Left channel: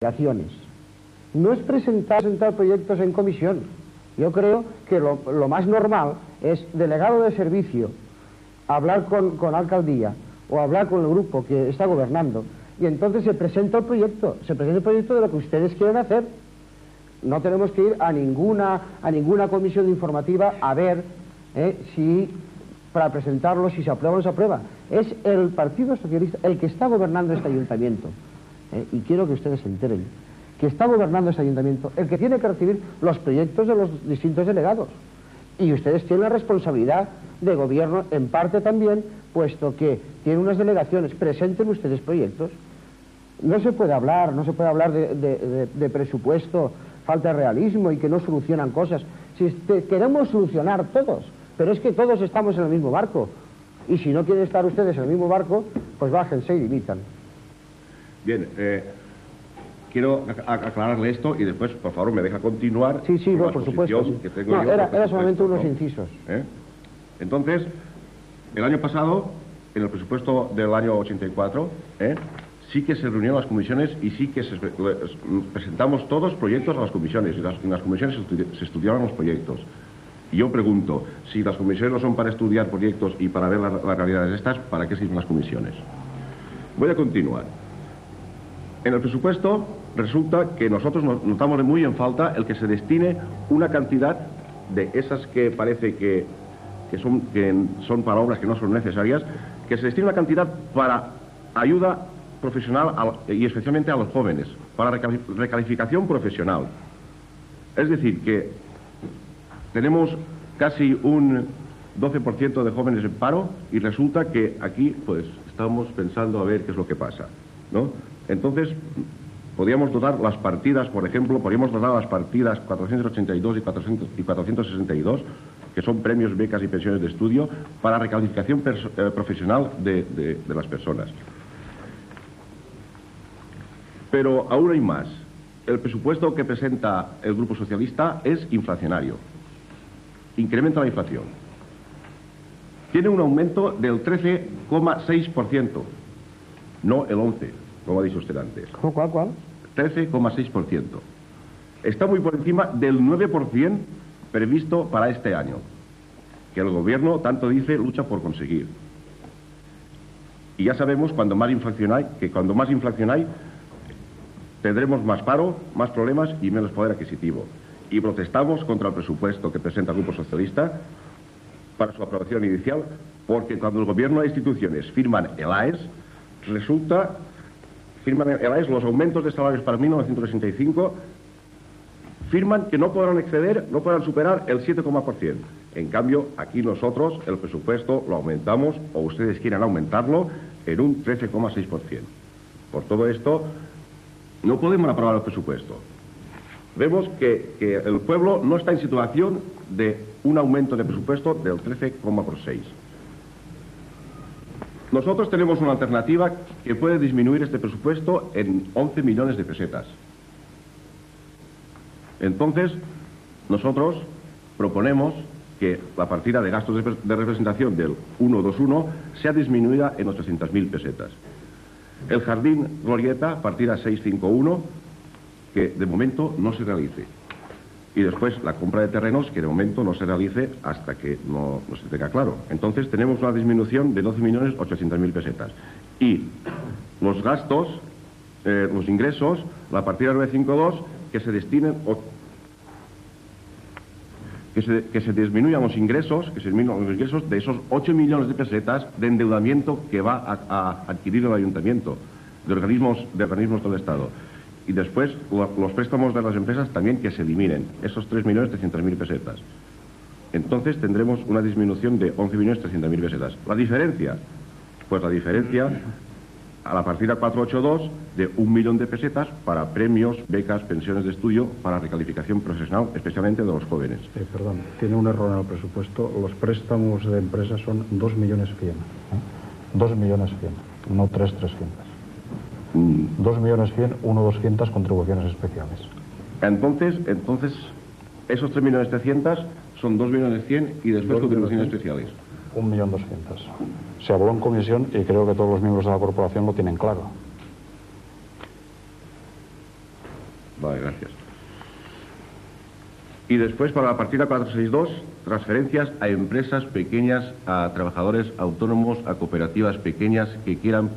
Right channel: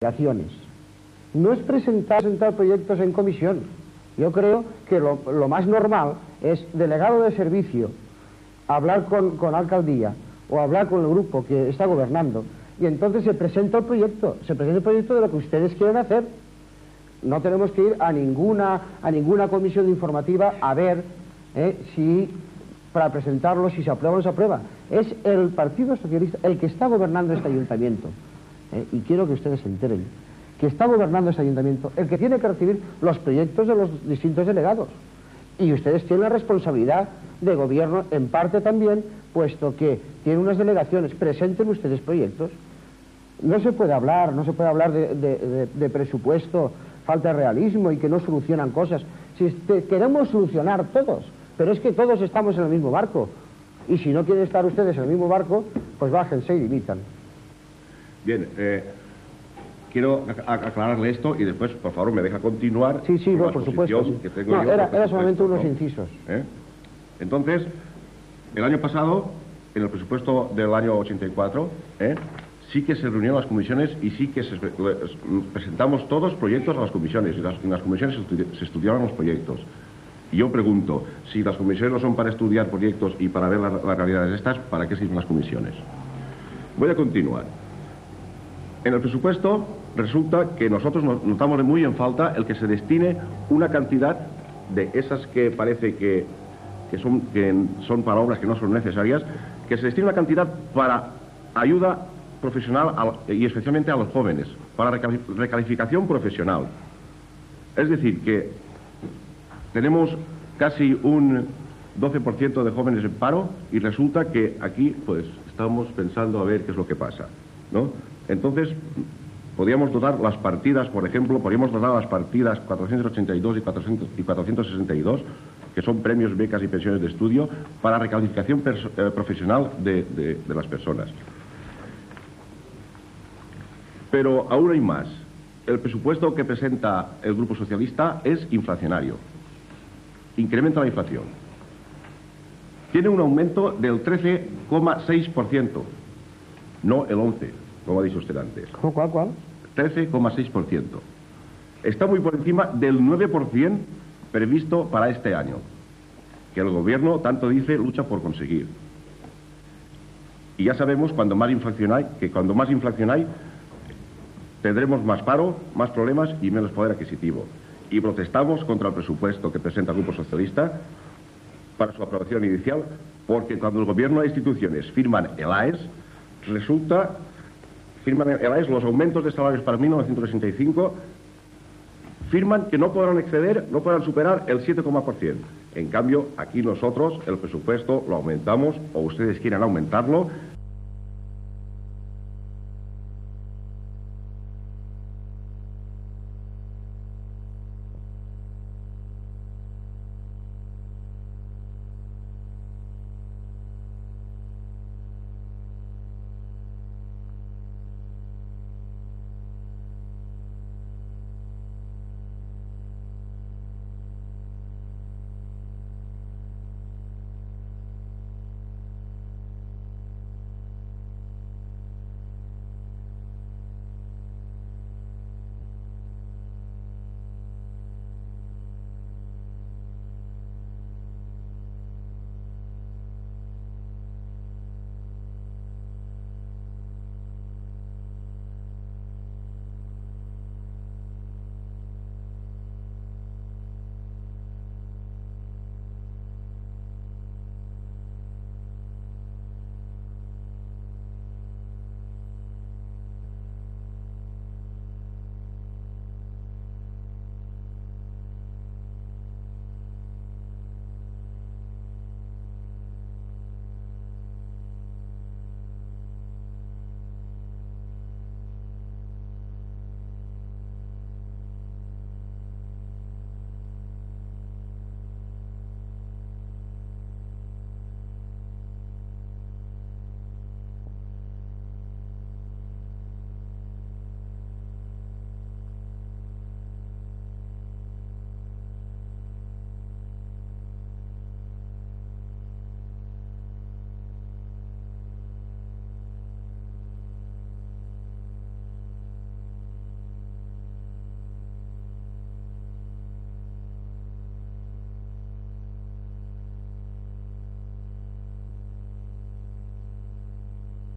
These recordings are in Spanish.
delegaciones. No es presentar proyectos en comisión. Yo creo que lo más normal es delegado de servicio, hablar con la alcaldía o hablar con el grupo que está gobernando y entonces se presenta el proyecto de lo que ustedes quieren hacer. No tenemos que ir a ninguna comisión informativa a ver si para presentarlo, si se aprueba o no se aprueba. Es el Partido Socialista el que está gobernando este ayuntamiento. Y quiero que ustedes se enteren que está gobernando este ayuntamiento el que tiene que recibir los proyectos de los distintos delegados. Y ustedes tienen la responsabilidad de gobierno en parte también, puesto que tienen unas delegaciones. Presenten ustedes proyectos. No se puede hablar de presupuesto, falta de realismo y que no solucionan cosas. Si queremos solucionar todos, pero es que todos estamos en el mismo barco. Y si no quieren estar ustedes en el mismo barco, pues bájense y dimitan. Bien, quiero aclararle esto y después, por favor, me deja continuar. Sí, no, por supuesto. Sí. Que tengo yo era solamente unos incisos. Entonces, el año pasado, en el presupuesto del año 84, sí que se reunieron las comisiones y sí que presentamos todos proyectos a las comisiones y en las comisiones se estudiaron los proyectos. Y yo pregunto, si las comisiones no son para estudiar proyectos y para ver las realidades estas, ¿para qué sirven las comisiones? Voy a continuar. En el presupuesto resulta que nosotros notamos muy en falta el que se destine una cantidad de esas que parece que son para obras que no son necesarias, que se destine una cantidad para ayuda profesional y especialmente a los jóvenes, para recalificación profesional. Es decir, que tenemos casi un 12% de jóvenes en paro y resulta que aquí pues estamos pensando a ver qué es lo que pasa, ¿no? Entonces, podríamos dotar las partidas, por ejemplo, podríamos dotar las partidas 482 y 462, que son premios, becas y pensiones de estudio, para recalificación profesional de las personas. Pero aún hay más. El presupuesto que presenta el Grupo Socialista es inflacionario. Incrementa la inflación. Tiene un aumento del 13,6%, no el 11%. Como ha dicho usted antes. ¿Cuál? 13,6%. Está muy por encima del 9% previsto para este año, que el gobierno, tanto dice, lucha por conseguir. Y ya sabemos, cuando más inflación hay, tendremos más paro, más problemas y menos poder adquisitivo. Y protestamos contra el presupuesto que presenta el Grupo Socialista para su aprobación inicial, porque cuando el gobierno e instituciones firman el AES, los aumentos de salarios para 1965, firman que no podrán superar el 7,%. En cambio, aquí nosotros el presupuesto lo aumentamos, o ustedes quieren aumentarlo, en un 13,6%. Por todo esto, no podemos aprobar el presupuesto. Vemos que el pueblo no está en situación de un aumento de presupuesto del 13,6%. Nosotros tenemos una alternativa que puede disminuir este presupuesto en 11 millones de pesetas. Entonces, nosotros proponemos que la partida de gastos de representación del 121 sea disminuida en 800.000 pesetas. El jardín Glorieta, partida 651, que de momento no se realice. Y después la compra de terrenos, que de momento no se realice hasta que no se tenga claro. Entonces tenemos una disminución de 12.800.000 pesetas. Y los gastos, los ingresos, la partida 952, que se destinen, que se disminuyan los ingresos, de esos 8 millones de pesetas de endeudamiento que va a adquirir el ayuntamiento, de organismos del Estado. Y después los préstamos de las empresas también que se eliminen, esos 3.300.000 pesetas. Entonces tendremos una disminución de 11.300.000 pesetas. La diferencia, pues la diferencia a la partida 482 de 1 millón de pesetas para premios, becas, pensiones de estudio, para recalificación profesional, especialmente de los jóvenes. Perdón, tiene un error en el presupuesto. Los préstamos de empresas son 2.100.000. 2.100.000, no 3.300.000. 2.100.000, 1.200.000 contribuciones especiales. Entonces esos 3.300.000 son 2.100.000 y después contribuciones especiales. 1.200.000. Se habló en comisión y creo que todos los miembros de la corporación lo tienen claro. Vale, gracias. Y después, para la partida 462, transferencias a empresas pequeñas, a trabajadores autónomos, a cooperativas pequeñas que quieran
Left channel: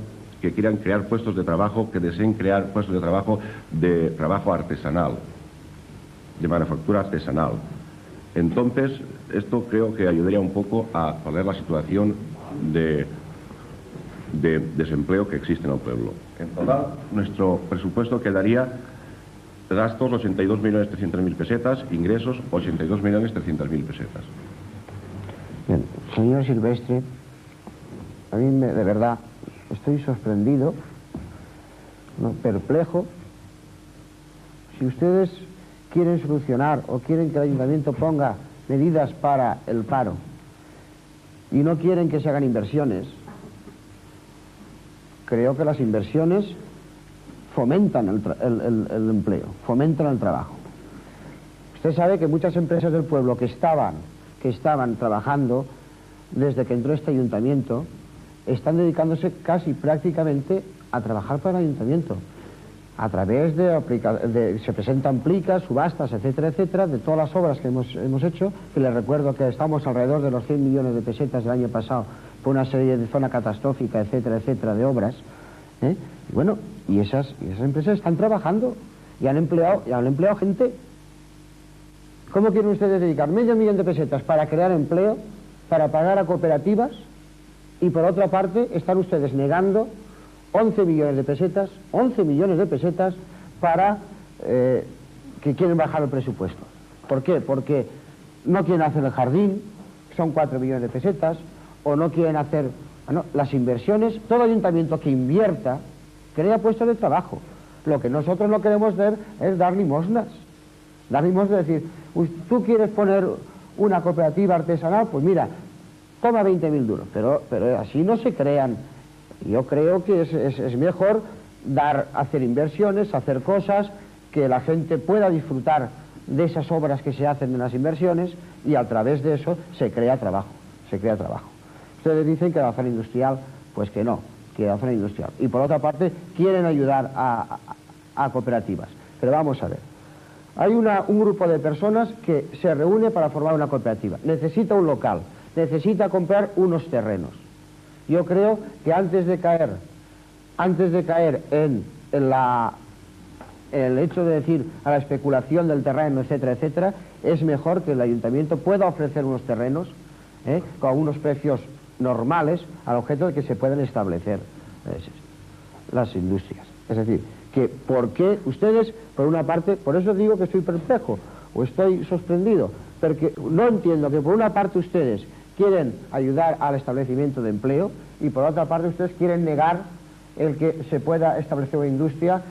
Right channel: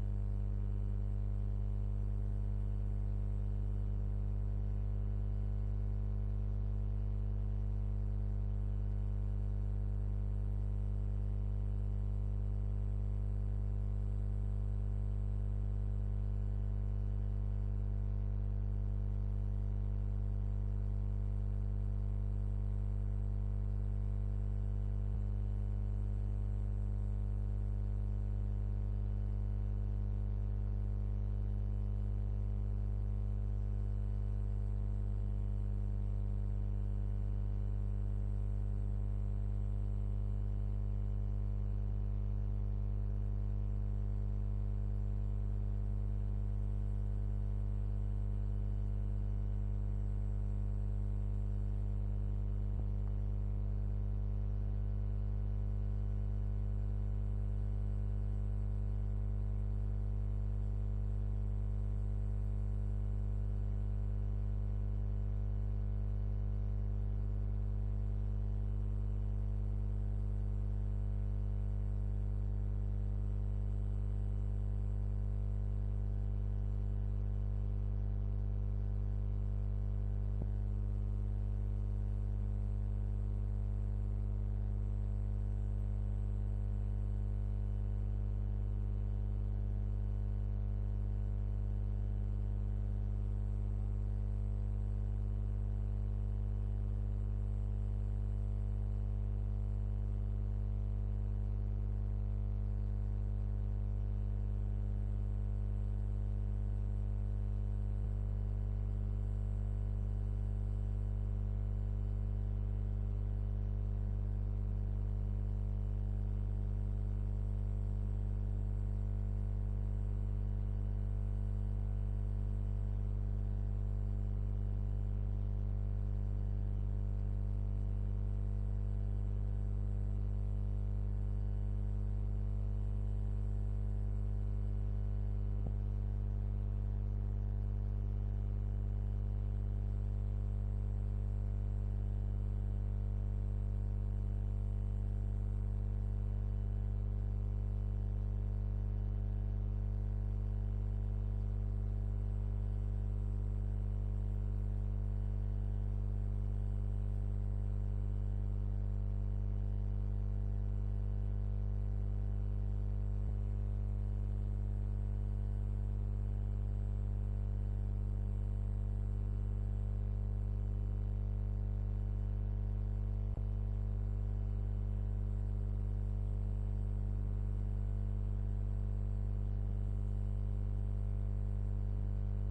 crear puestos de trabajo, que deseen crear puestos de trabajo artesanal, de manufactura artesanal. Entonces, esto creo que ayudaría un poco a paliar la situación de desempleo que existe en el pueblo. En total, nuestro presupuesto quedaría gastos 82.300.000 pesetas, ingresos 82.300.000 pesetas. Bien, señor Silvestre, a mí de verdad estoy sorprendido, ¿no?, perplejo. Si ustedes quieren solucionar o quieren que el ayuntamiento ponga medidas para el paro y no quieren que se hagan inversiones, creo que las inversiones fomentan el empleo, fomentan el trabajo. Usted sabe que muchas empresas del pueblo que estaban trabajando desde que entró este ayuntamiento están dedicándose casi prácticamente a trabajar para el ayuntamiento a través se presentan plicas, subastas, etcétera, etcétera, de todas las obras que hemos hecho, que les recuerdo que estamos alrededor de los 100 millones de pesetas del año pasado por una serie de zona catastrófica, etcétera, etcétera, de obras, ¿eh? Y bueno, y esas empresas están trabajando y han empleado gente. ¿Cómo quieren ustedes dedicar medio millón de pesetas para crear empleo, para pagar a cooperativas, y por otra parte están ustedes negando 11 millones de pesetas para que quieren bajar el presupuesto? ¿Por qué? Porque no quieren hacer el jardín, son 4 millones de pesetas, o no quieren hacer las inversiones. Todo ayuntamiento que invierta crea puestos de trabajo. Lo que nosotros no queremos ver es dar limosnas. Dar limosnas es decir, tú quieres poner una cooperativa artesanal, pues mira, toma 20.000 duros, pero así no se crean. Yo creo que es mejor hacer inversiones, hacer cosas, que la gente pueda disfrutar de esas obras que se hacen en las inversiones, y a través de eso se crea trabajo. Ustedes dicen que la zona industrial, pues que no, que la zona industrial. Y por otra parte, quieren ayudar a cooperativas. Pero vamos a ver. Hay un grupo de personas que se reúne para formar una cooperativa. Necesita un local, necesita comprar unos terrenos. Yo creo que antes de caer en el hecho de decir a la especulación del terreno, etcétera, etcétera, es mejor que el ayuntamiento pueda ofrecer unos terrenos con unos precios normales, al objeto de que se puedan establecer las industrias. Es decir, que ¿por qué ustedes, por una parte, por eso digo que estoy perplejo o estoy sorprendido, porque no entiendo que por una parte ustedes quieren ayudar al establecimiento de empleo y por otra parte ustedes quieren negar el que se pueda establecer una industria